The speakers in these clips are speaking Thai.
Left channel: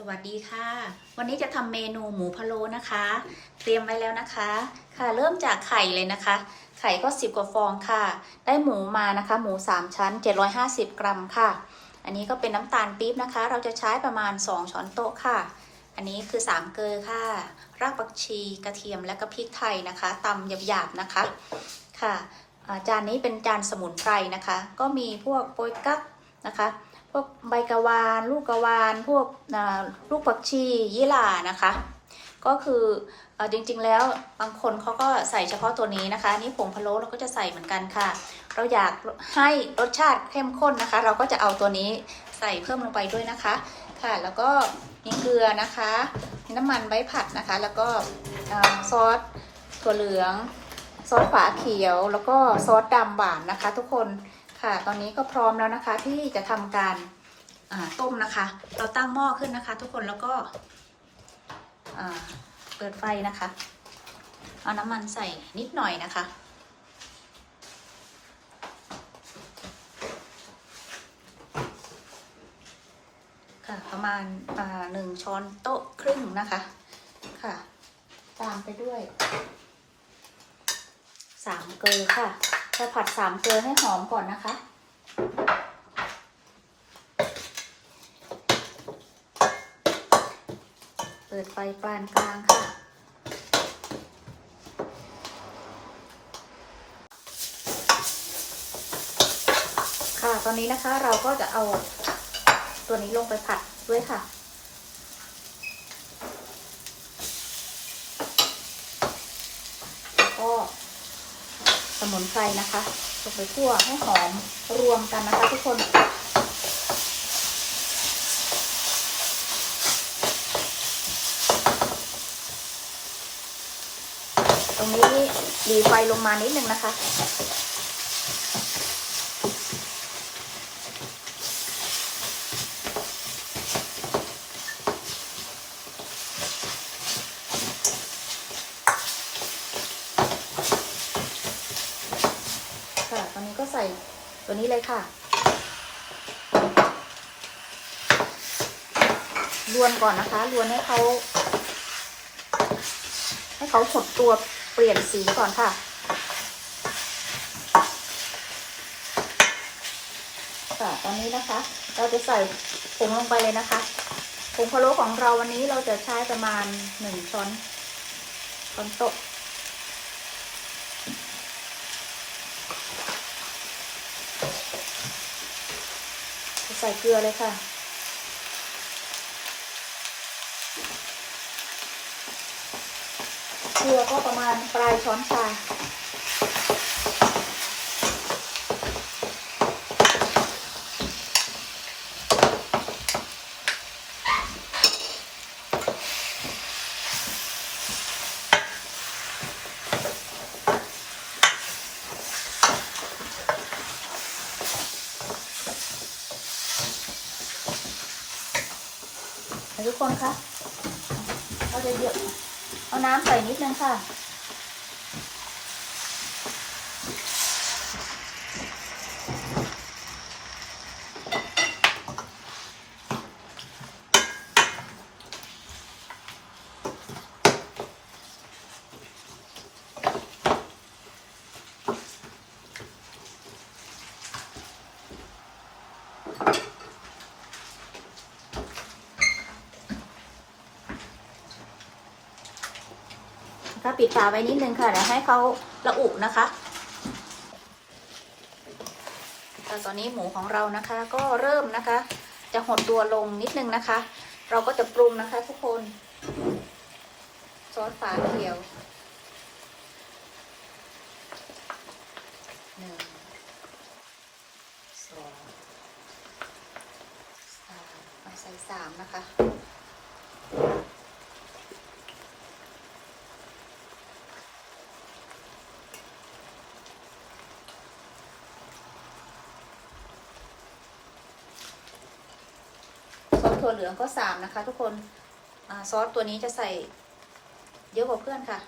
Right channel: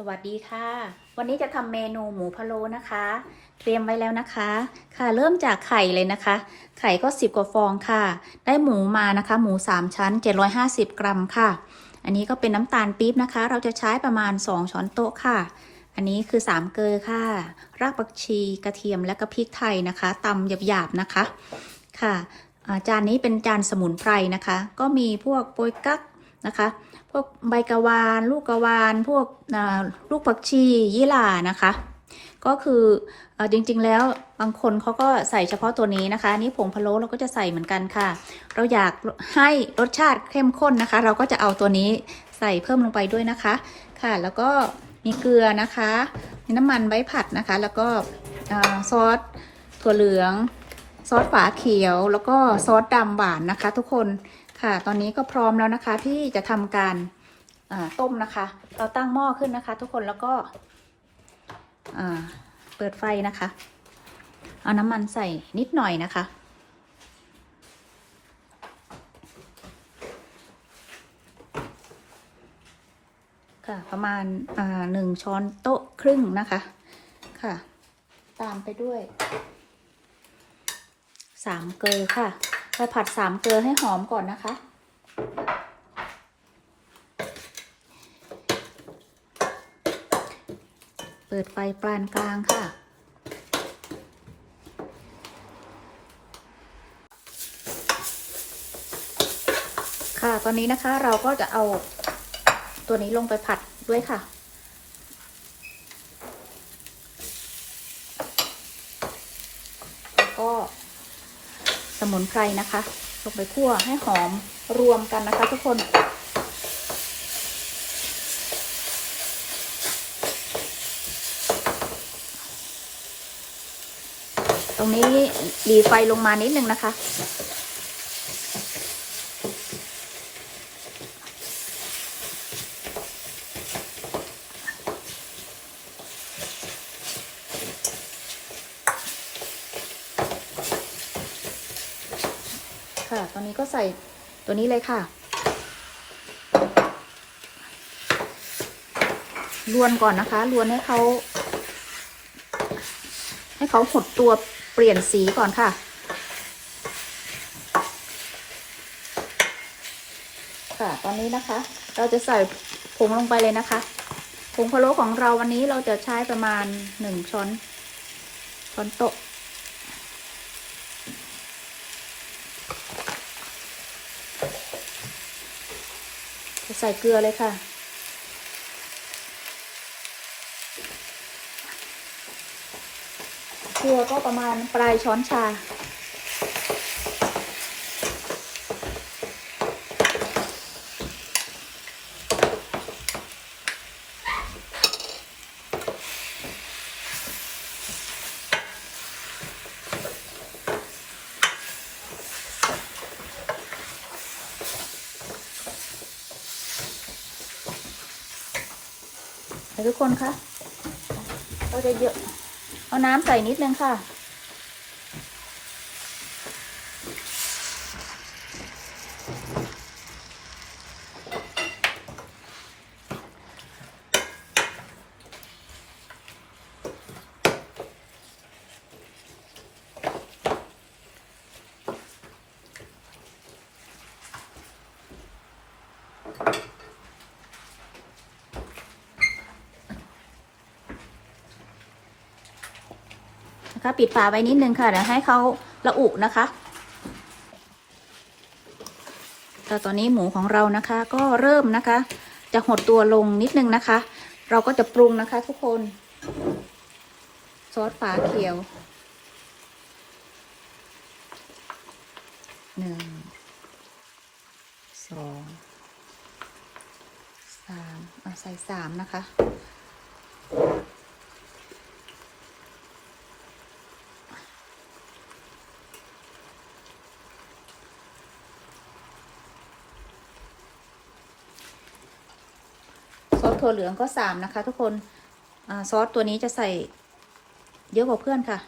สวัสดีค่ะ วันนี้จะทำเมนูหมูพะโล้นะคะ เตรียมไว้แล้วนะคะ ค่ะเริ่มจากไข่เลยนะคะ ไข่ก็10กว่าฟองค่ะ ได้หมูมานะคะ หมู3ชั้น750กรัมค่ะ อันนี้ก็เป็นน้ำตาลปี๊บนะคะ เราจะใช้ประมาณ2ช้อนโต๊ะค่ะ อันนี้คือ3เกลือค่ะ รากผักชีกระเทียมและก็พริกไทยนะคะตำหยาบๆนะคะค่ะจานนี้เป็นจานสมุนไพรนะคะ ก็มีพวกโปยกั๊กนะคะ วกใบกะวาน ลูกกะวาน พวกลูกผักชียี่หร่านะคะ ก็คืออจริงๆแล้วบางคนเขาก็ใส่เฉพาะตัวนี้นะคะนี่ผงพะโล้เราก็จะใส่เหมือนกันค่ะ เราอยากให้รสชาติเข้มข้นนะคะ เราก็จะเอาตัวนี้ใส่เพิ่มลงไปด้วยนะคะค่ะ แล้วก็มีเกลือนะคะมีน้ำมันไว้ผัดนะคะ แล้วก็ซอสถั่วเหลือง ซอสฝาเขียว แล้วก็ซอสดำหวานนะคะ ทุกคน ค่ะ ตอนนี้ก็พร้อมแล้วนะคะที่จะทำการต้มนะคะ เราตั้งหม้อขึ้นนะคะ ทุกคนแล้วก็เปิดไฟนะคะ เอาน้ำมันใส่นิดหน่อยนะคะ ค่ะประมาณหนึ่งช้อนโต๊ะครึ่งนะคะ ค่ะ ตามไปด้วยสามเกลือค่ะ เราผัดสามเกลือให้หอมก่อนนะคะ เปิดไฟปานกลางค่ะ ค่ะ ตอนนี้นะคะเราก็จะเอาตัวนี้ลงไปผัดด้วยค่ะ แล้วก็ สมุนไพรนะคะลงไปคั่วให้หอมรวมกันนะคะทุกคนตรงนี้ดีไฟลงมานิดนึงนะคะ ค่ะ ตอนนี้ก็ใส่ตัวนี้เลยค่ะ รวนก่อนนะคะ รวนให้เขาให้เขาหดตัวเปลี่ยนสีก่อนค่ะ ค่ะ ตอนนี้นะคะ เราจะใส่ผงลงไปเลยนะคะ ผงพะโล้ของเราวันนี้เราจะใช้ประมาณหนึ่งช้อนช้อนโต๊ะ ใส่เกลือเลยค่ะ เกลือก็ประมาณปลายช้อนชา ทุกคนคะเราจะเยวเอาน้ำใส่นิดนึงค่ะ นะคะปิดฝาไว้นิดนึงค่ะเดี๋ยวให้เขาระอุนะคะแต่ตอนนี้หมูของเรานะคะ ก็เริ่มนะคะ จะหดตัวลงนิดนึงนะคะ เราก็จะปรุงนะคะ ทุกคนซอสฝาเขียวหนึ่งสองสามเอาใส่สามนะคะ ถั่วเหลืองก็สามนะคะ ทุกคนอซอสตัวนี้จะใส่เยอะกว่าเพื่อนค่ะ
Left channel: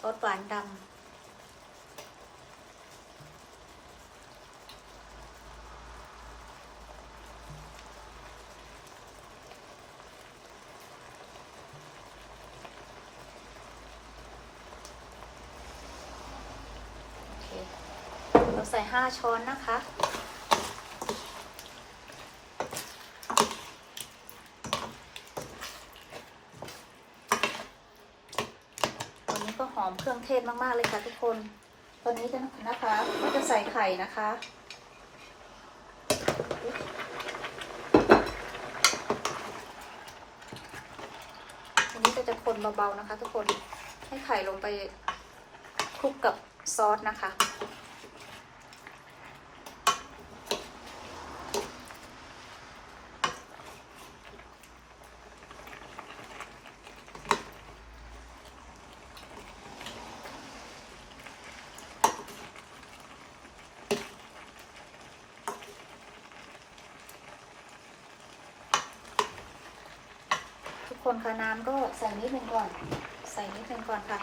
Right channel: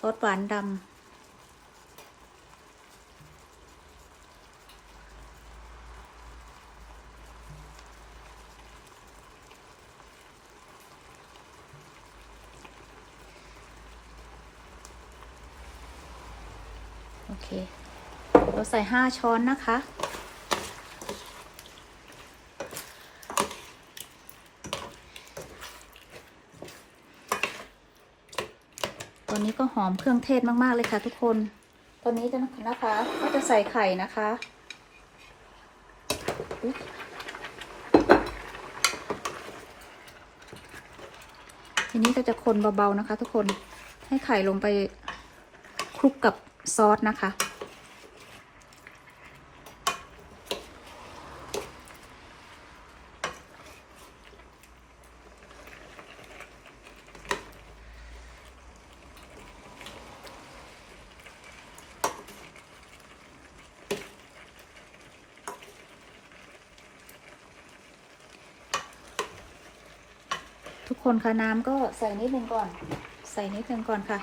ซอสหวานดำโอเค เราใส่ห้าช้อนนะคะ เครื่องเทศมากๆเลยค่ะทุกคน ตอนนี้จะนะคะก็จะใส่ไข่นะคะทีนี้ก็จะคนเบาๆนะคะ ทุกคนให้ไข่ลงไปคลุกกับซอสนะคะ คนคะน้ำก็ใส่นิดนึงก่อน ใส่นิดนึงก่อนค่ะ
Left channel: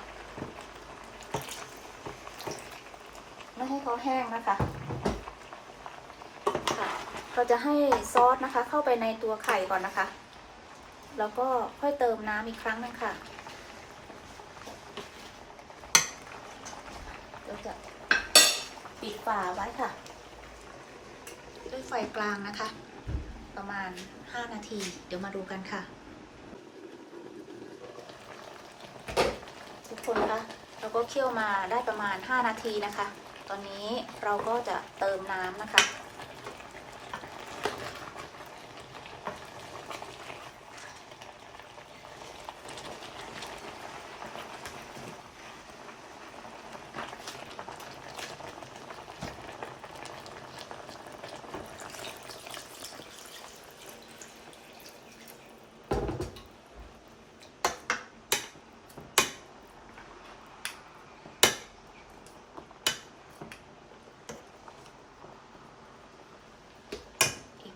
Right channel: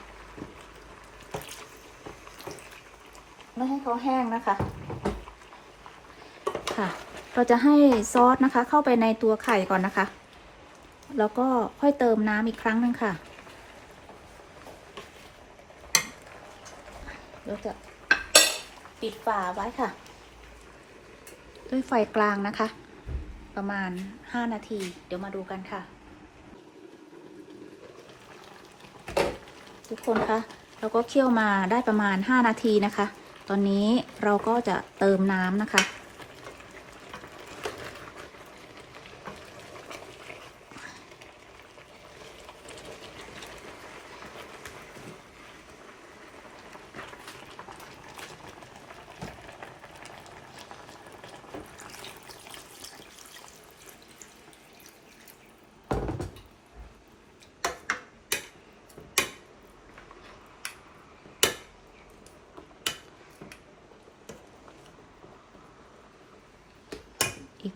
ไม่ให้เขาแห้งนะคะ ค่ะ เราจะให้ซอสนะคะ เข้าไปในตัวไข่ก่อนนะคะ แล้วก็ค่อยเติมน้ำอีกครั้งหนึงค่ะ เราจะปิดฝาไว้ค่ะ ด้วยไฟกลางนะคะ ประมาณ 5 นาที เดี๋ยวมาดูกันค่ะ ทุก คนคะเราก็เคี่ยวมาได้ประมาณ 5 นาทีนะคะ ตอนนี้เราก็จะเติมน้ำนะคะ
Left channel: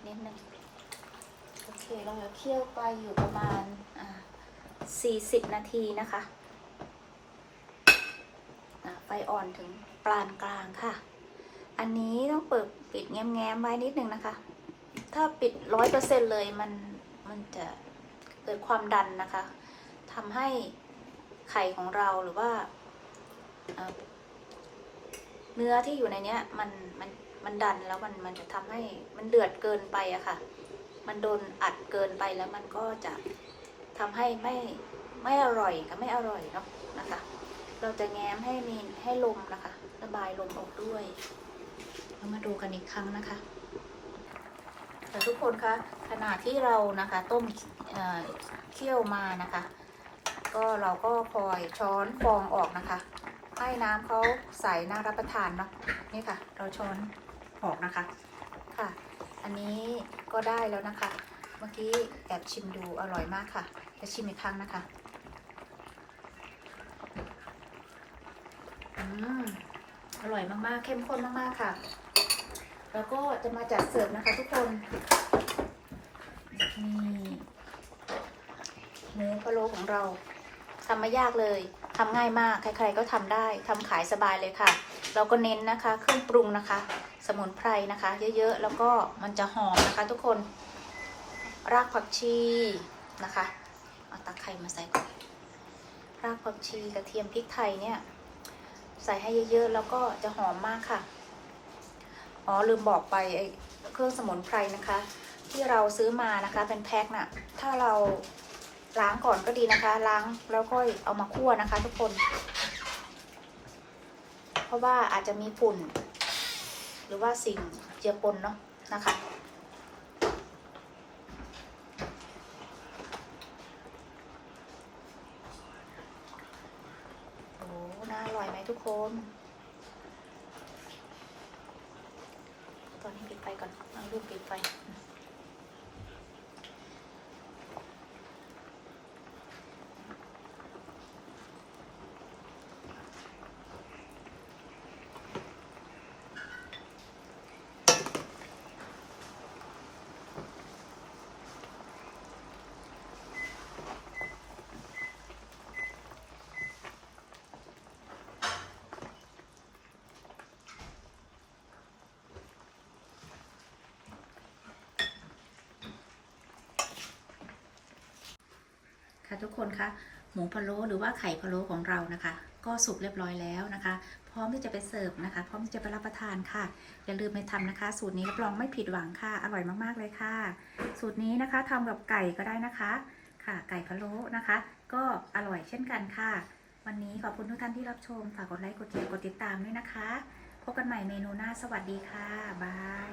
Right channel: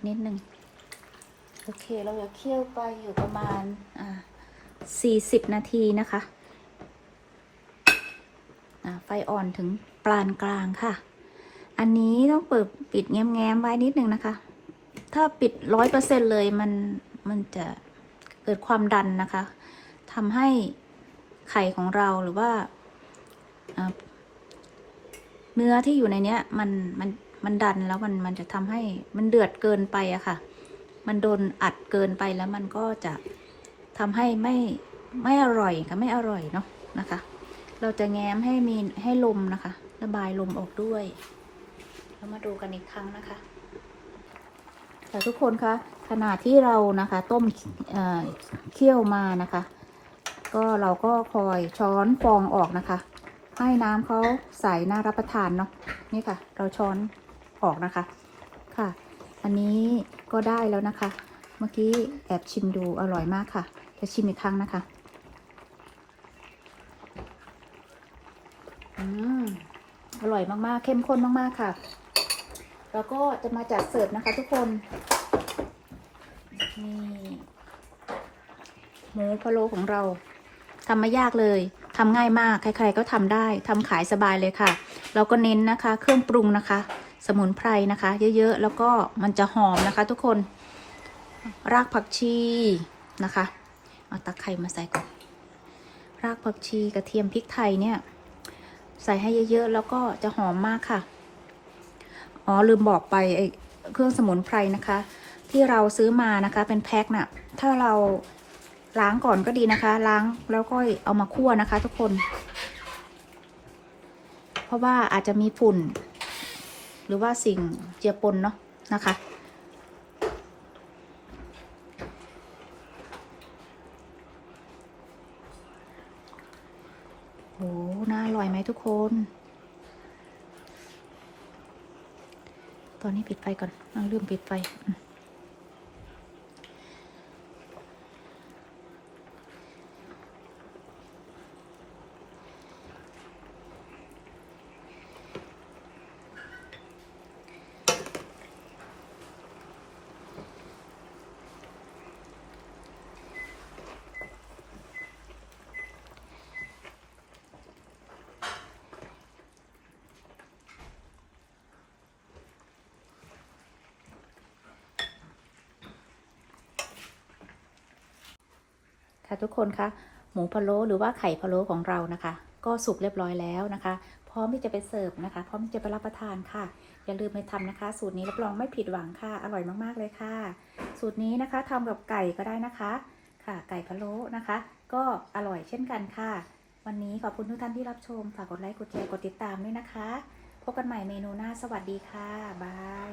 นิดนึง โอเค เราจะเคี่ยวไปอยู่ประมาณอ่า40นาทีนะคะอ่าไฟอ่อนถึงปานกลางค่ะ อันนี้ต้องเปิดปิดแง้มๆไว้นิดนึงนะคะ ถ้าปิดร้อยเปอร์เซ็นเลยมันมันจะเกิดความดันนะคะ ทำให้ไข่ของเราหรือว่าอ่าเนื้อที่อยู่ในเนี้ยมันมัน มันดันแล้วมันมันจะทำให้มันเดือดเกินไปอะค่ะ มันโดนอัดเกินไปแล้วมันก็จะทำให้ไม่ไม่อร่อยกับไม่อร่อยเนาะนะคะ เราจะแง้มให้มีให้ลมนะคะ ระบายลมออกด้วย เรามาดูกันอีกครั้งนะคะแต่ทุกคนคะขณะที่เรานะคะต้มเอ่อเคี่ยวมานะคะ ก็เราก็คอยช้อนฟองออกนะคะให้น้ำเขาใสน่ารับประทานเนาะนี่ค่ะ เราช้อน ออกนะคะค่ะ อันนี้ก็ได้แล้วนะคะ เมื่อกี้แอบชิมดูอร่อยมากค่ะ จะชิมอีกครั้งนะคะอืมอร่อยมากๆ เข้มข้นมากๆค่ะ แล้วก็จะมาจัดเสิร์ฟนะคะทุกคน นี่หมูพะโล้ของเราทำไม่ยากเลยทำง่ายมาก ใครๆก็ทำได้ทำขายสบายเลยค่ะ เราก็เน้นนะคะ เครื่องปรุงนะคะ สมุนไพรนะคะ เยอะๆ แล้วก็มันจะหอมนะคะ ทุกคน รากผักชีนะคะเอาตะไคร้มาใส่ก่อนรากผักชีกระเทียมพริกไทยเนี่ยใส่ให้เยอะๆ แล้วก็จะหอมมากค่ะ อ๋อลืมบอกไปไอ้เครื่องสมุนไพรนะคะ ที่เราซื้อมานะคะเป็นแพ็คน่ะ ถ้าเราล้างก่อนก็ดีนะคะ ล้างแล้วก็เอามาคั่วนะคะ ทุกคน เพราะว่าอาจจะมีฝุ่น หรือว่าสิ่งเจือปนเนาะนะคะโหน่าอร่อยไหมทุกคน ตอนนี้ปิดไฟก่อนน้องลืมปิดไฟ ค่ะทุกคนคะหมูพะโล้หรือว่าไข่พะโล้ของเรานะคะ ก็สุกเรียบร้อยแล้วนะคะ พร้อมที่จะไปเสิร์ฟนะคะ พร้อมที่จะไปรับประทานค่ะ อย่าลืมไปทำนะคะ สูตรนี้รับรองไม่ผิดหวังค่ะ อร่อยมากๆเลยค่ะ สูตรนี้นะคะทำกับไก่ก็ได้นะคะ ค่ะ ไก่พะโล้นะคะ ก็อร่อยเช่นกันค่ะ วันนี้ขอบคุณทุกท่านที่รับชมฝากกดไลค์กดแชร์กดติดตามด้วยนะคะพบกันใหม่เมนูหน้าสวัสดีค่ะบาย